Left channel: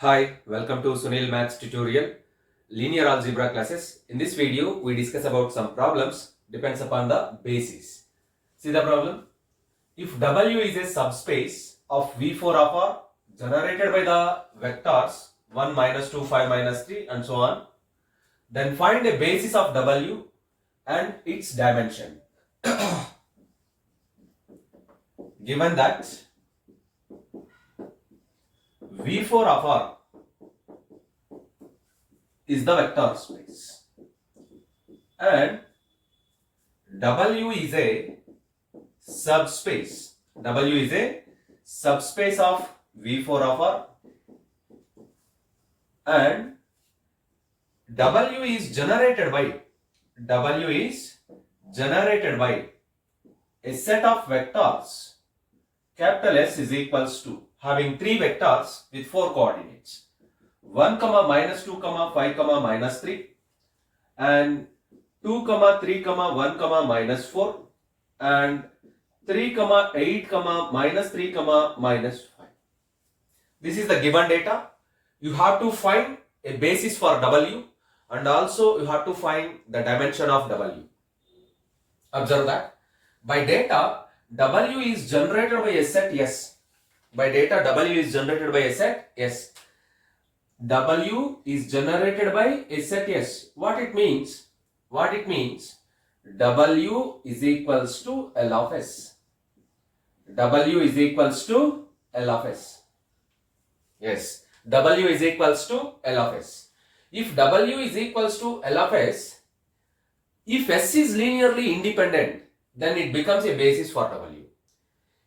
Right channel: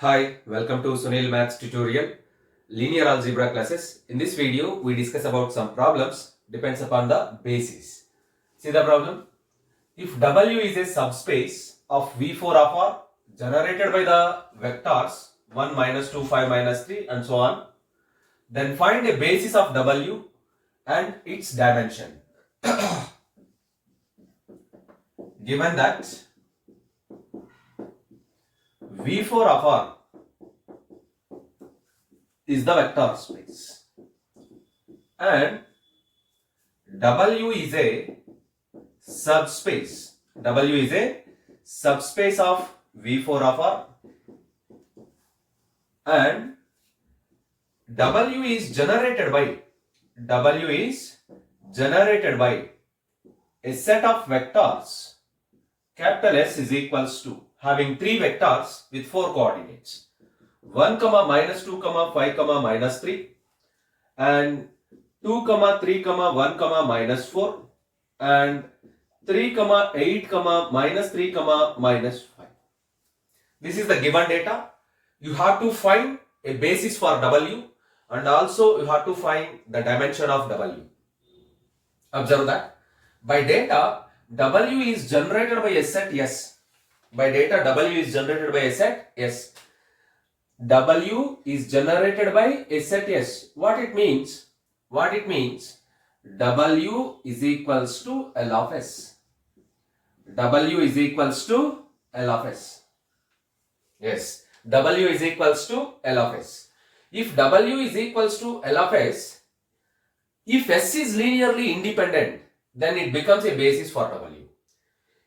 Hi, welcome to Sunil Maths tutorial, linear algebra classes. In this video, we discuss about some problems depends upon the basis. See the problem? If W is a subspace of V4 of R generated by the vectors 1, minus 2, 5, minus 3 and so on, then find a basis of W and its dimension. Given that V4 of R is the vector space and W is a subspace. W is a subspace of V4 of R and W is generated by a set of vectors capital S is equals to having three vectors with four coordinates 1, minus 2, 5, minus 3 and 2, 3, 1, minus 4 and 3, 8, minus 3, minus 5. This is the given data. You have to find a basis for W and also you have to find the dimension of W. Observe that. By data, W is generated by a set S. By data, W is generated by a set S. W is generated by a set S. What it means? W is equals to L of S. W is equals to L of S. Yes, W is equals to L of S. If W is equals to L of S, if S is linearly independent, then it becomes a basis for W.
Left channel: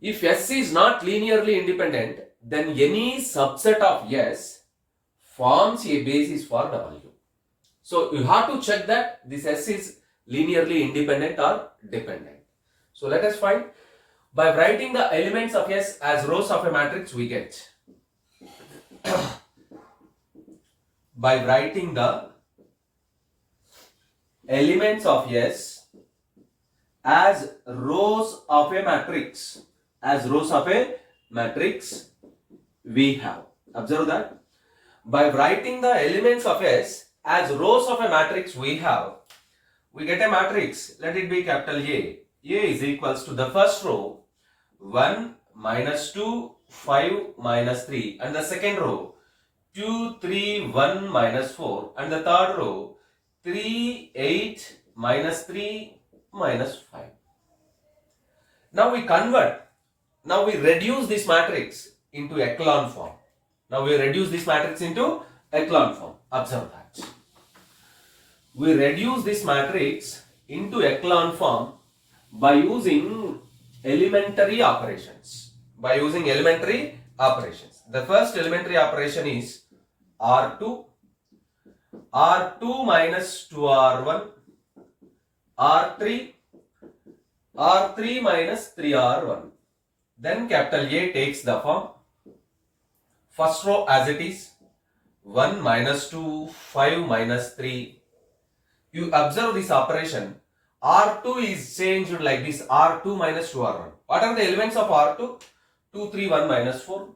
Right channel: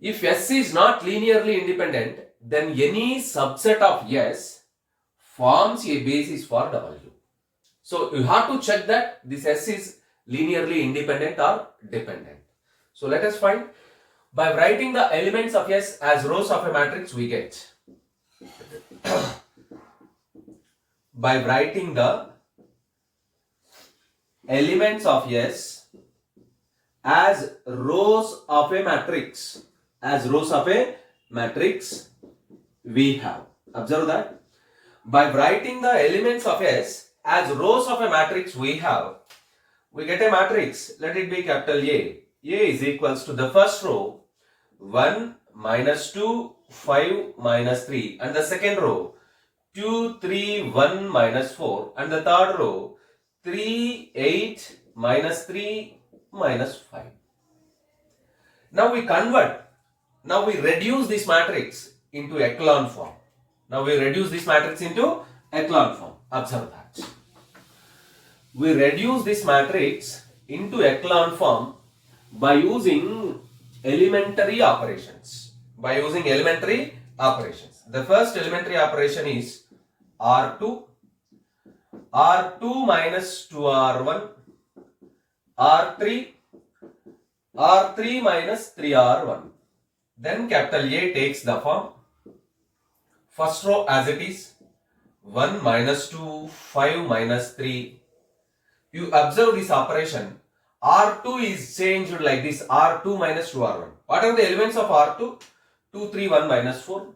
If S is not linearly independent, then any subset of S forms a basis for W. So you have to check that this S is linearly independent or dependent. So let us find. By writing the elements of S as rows of a matrix, we get. By writing the elements of S as rows of a matrix, we have. Observe that. By writing the elements of S as rows of a matrix, we get a matrix. Let it be capital A. A is equals to the first row 1, minus 2, 5, minus 3 and the second row 2, 3, 1, minus 4 and the third row 3, 8, minus 3, minus 5. Now we reduce this matrix into echelon form. Observe that. We reduce this matrix into echelon form by using elementary operations. The first elementary operation is R2 minus 2R1, R3 minus 3R1. Then capital A takes the form. First row as it is 1, minus 2, 5, minus 3. You observe this operation. R2 is changed like this, R2 minus 2R1. What are the elements of R2? 2, 3, 1, minus 4.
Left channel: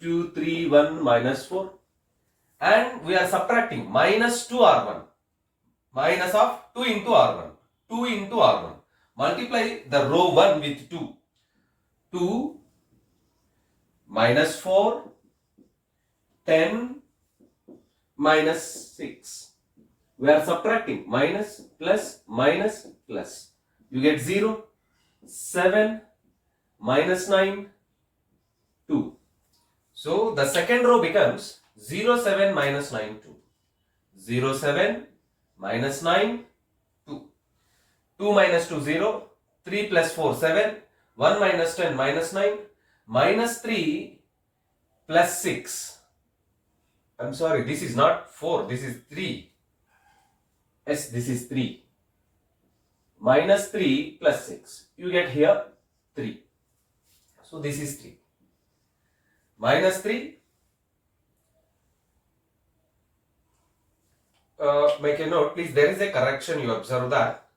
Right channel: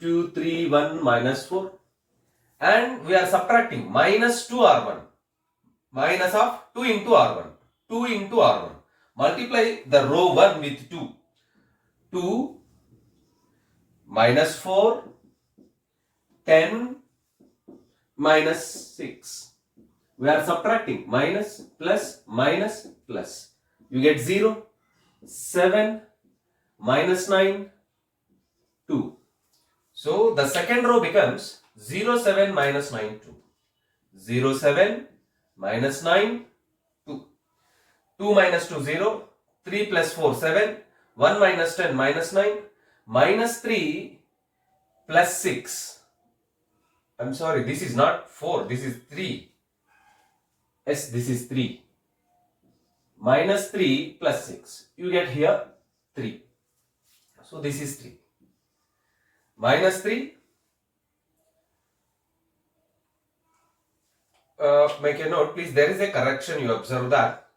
2, 3, 1, minus 4. And we are subtracting minus 2R1. Minus of 2 into R1. 2 into R1. Multiply the row 1 with 2. 2, minus 4, 10, minus 6. We are subtracting minus, plus, minus, plus. You get 0, 7, minus 9, 2. So the second row becomes 0, 7, minus 9, 2. 0, 7, minus 9, 2. 2 minus 2, 0. 3 plus 4, 7. 1 minus 10, minus 9. Minus 3 plus 6. I'm sorry, this is not 4, this is 3. Yes, this is 3. Minus 3 plus 6. You get here 3. So this is 3. Minus 3. Make a note, please. There is a correction. You observe that.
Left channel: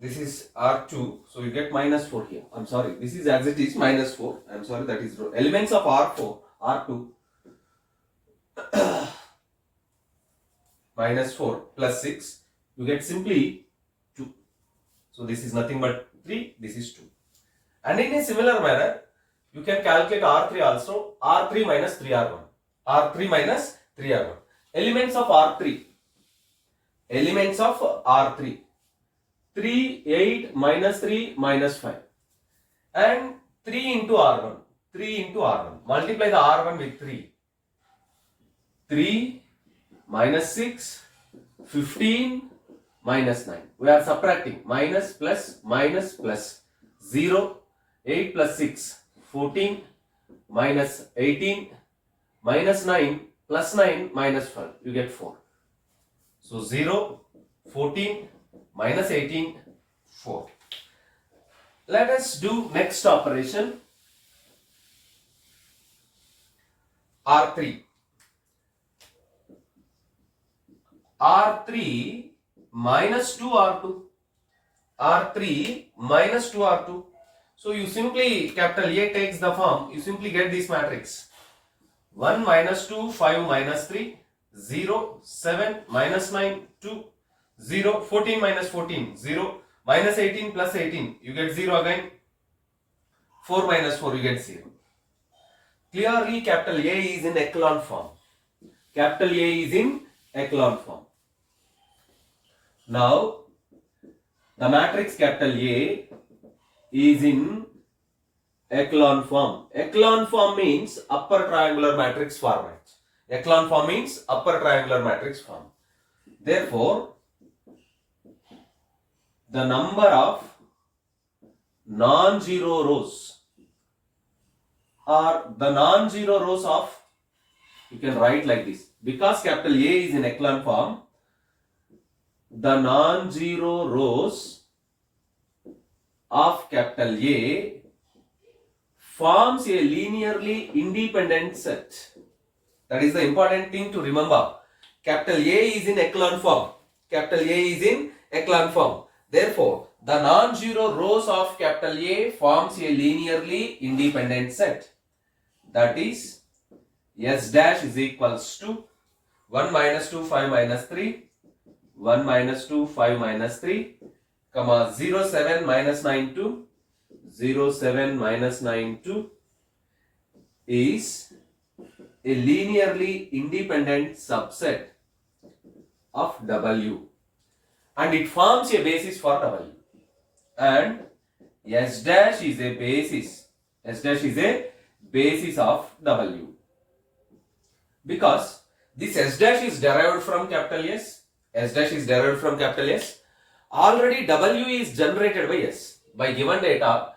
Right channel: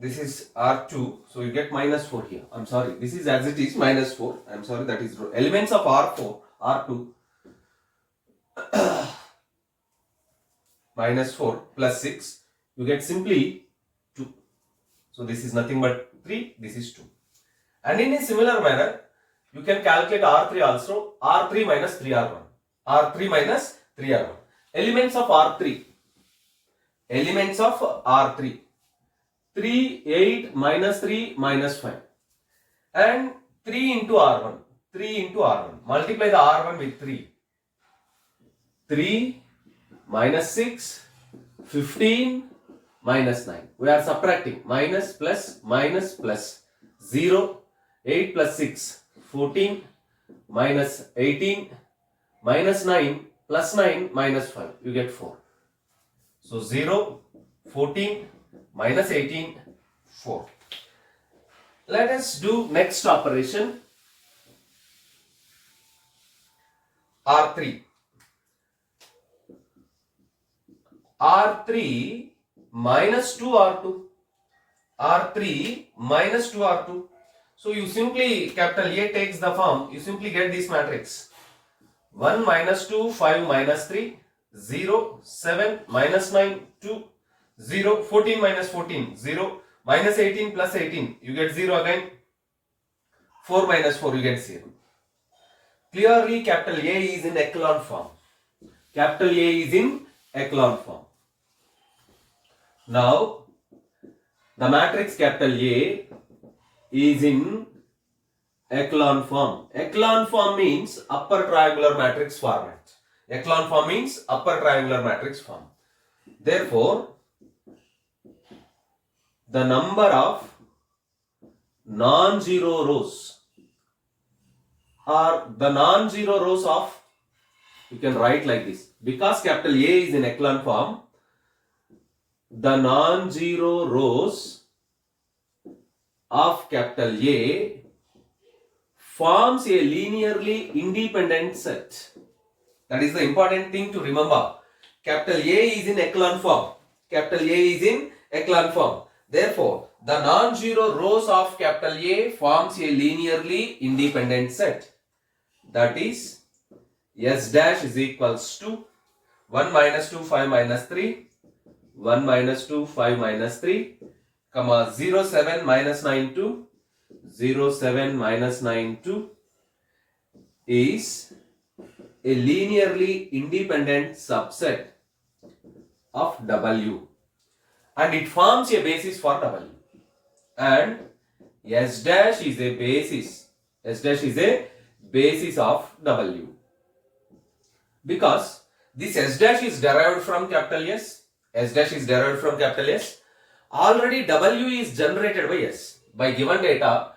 This is R2. So you get minus 4 here. I'm sorry. This is as it is minus 4. I'm sorry. That is elements of R4, R2. minus 4 plus 6, you get simply 2. So this is nothing but 3, this is 2. And in a similar manner, you can calculate R3 also, R3 minus 3R1. R3 minus 3R1. Elements of R3. Elements of R3. 3, 8 minus 3 minus 5. And 3 into R1. 3 into R1. Multiply the R1 with 3. 3 minus 6, 15 minus 9. We are subtracting. Minus plus 0. 8 plus 6, 14 minus 18 minus 9 plus 9 minus 5. You get 4. So 0, 14 minus 18, 4. Let us do next operation. R3. R3 minus 2R2. R3 minus 2R2. So you simply, capital A takes the form, you simply get this matrix. 1 minus 2, 5 minus 3, 0, 7 minus 9, 2, 0, 14 minus 14, 0, minus 18 plus 18, you get 0 again. 4 minus 4, you get 0. Clearly, capital A is in echelon form. Capital A is in echelon form. Now, the matrix capital A is in echelon form. Echelon form means upper triangular matrix format. Echelon form means upper triangular matrix form. Therefore, the number of non-zero rows or the non-zero rows of, you can write like this. Because capital A is in echelon form, the non-zero rows of capital A forms a linearly independent set. That is the important thing to remember. Capital A is in echelon form. Capital A is in echelon form. Therefore, the non-zero rows of capital A forms a linearly independent set. That is, S dash is equals to 1 minus 2, 5 minus 3, 1 minus 2, 5 minus 3, comma 0, 7 minus 9, 2, 0, 7 minus 9, 2 is a linearly independent subset of W, and it forms a basis for W, and S dash is a basis. S dash is a basis of W, because this S dash is derived from capital S. S dash is derived from capital S. Already W is generated by S. By given data,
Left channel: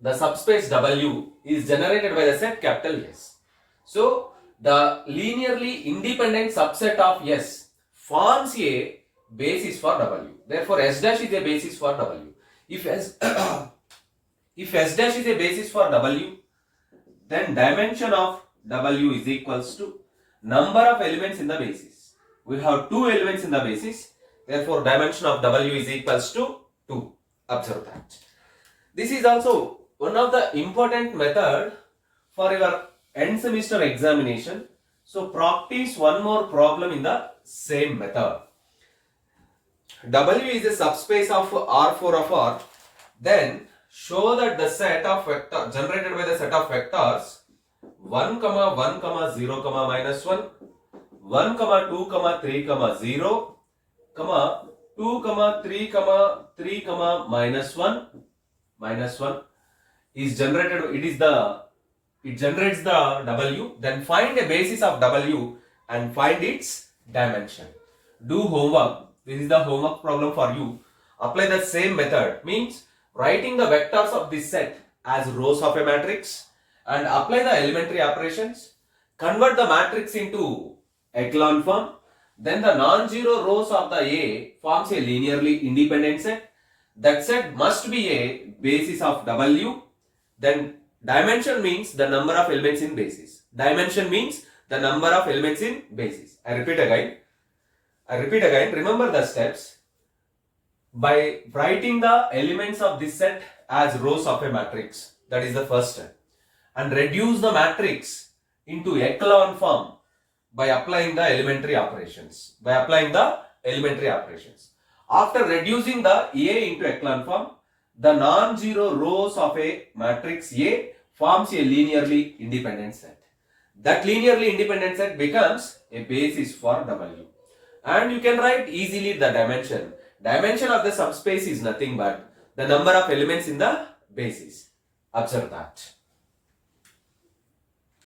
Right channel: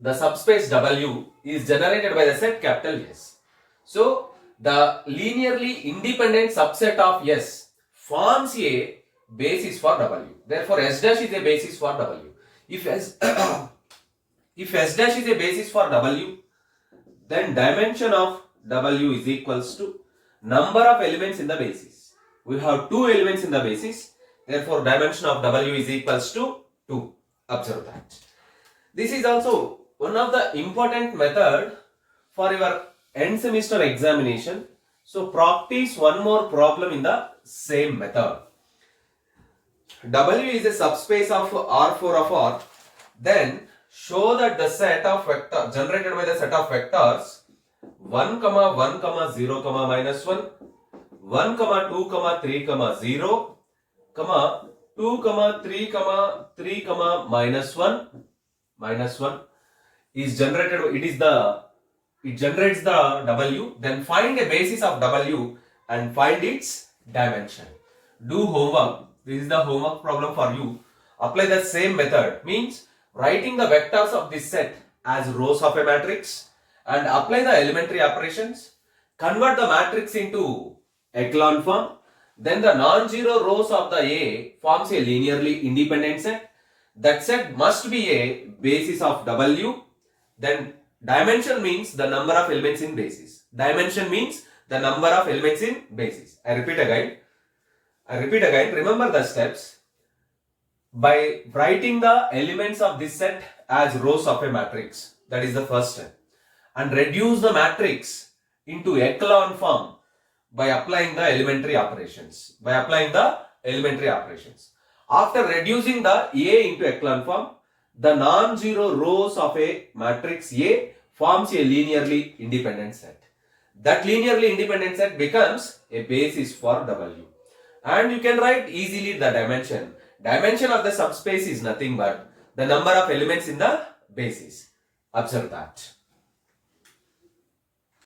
the subspace W is generated by the set capital S. So, the linearly independent subset of S forms a basis for W. Therefore, S dash is a basis for W. If S dash is a basis for W, then dimension of W is equals to number of elements in the basis. We have 2 elements in the basis. Therefore, dimension of W is equals to 2. Observe that. This is also one of the important method for your end semester examination. So, practice one more problem in the same method. W is a subspace of R4 of R. Then, show that the set of vector generated by the set of vectors 1, 1, 0, minus 1, 1, 2, 3, 0, 2, 3, 3, minus 1 is generated. It generates the W. Then find a basis of W and find its dimension. Do homework. This is the homework problem for you. Apply the same method. Means writing the vectors of this set as rows of a matrix and apply the elementary operations. Convert the matrix into echelon form. Then the non-zero rows of the A forms a linearly independent set. That set must be a basis of W. Then dimension means the number of elements in basis. Dimension means the number of elements in basis. I repeat again. Remember the steps. By writing the elements of this set as rows of a matrix. That is the first step. And reduce the matrix into echelon form by applying the elementary operations. After reducing the A into echelon form, the non-zero rows of a matrix A forms a linearly independent set. That linearly independent set becomes a basis for W. And you can write easily the dimension. Dimension of the subspace is nothing but the number of elements in the basis. Observe that.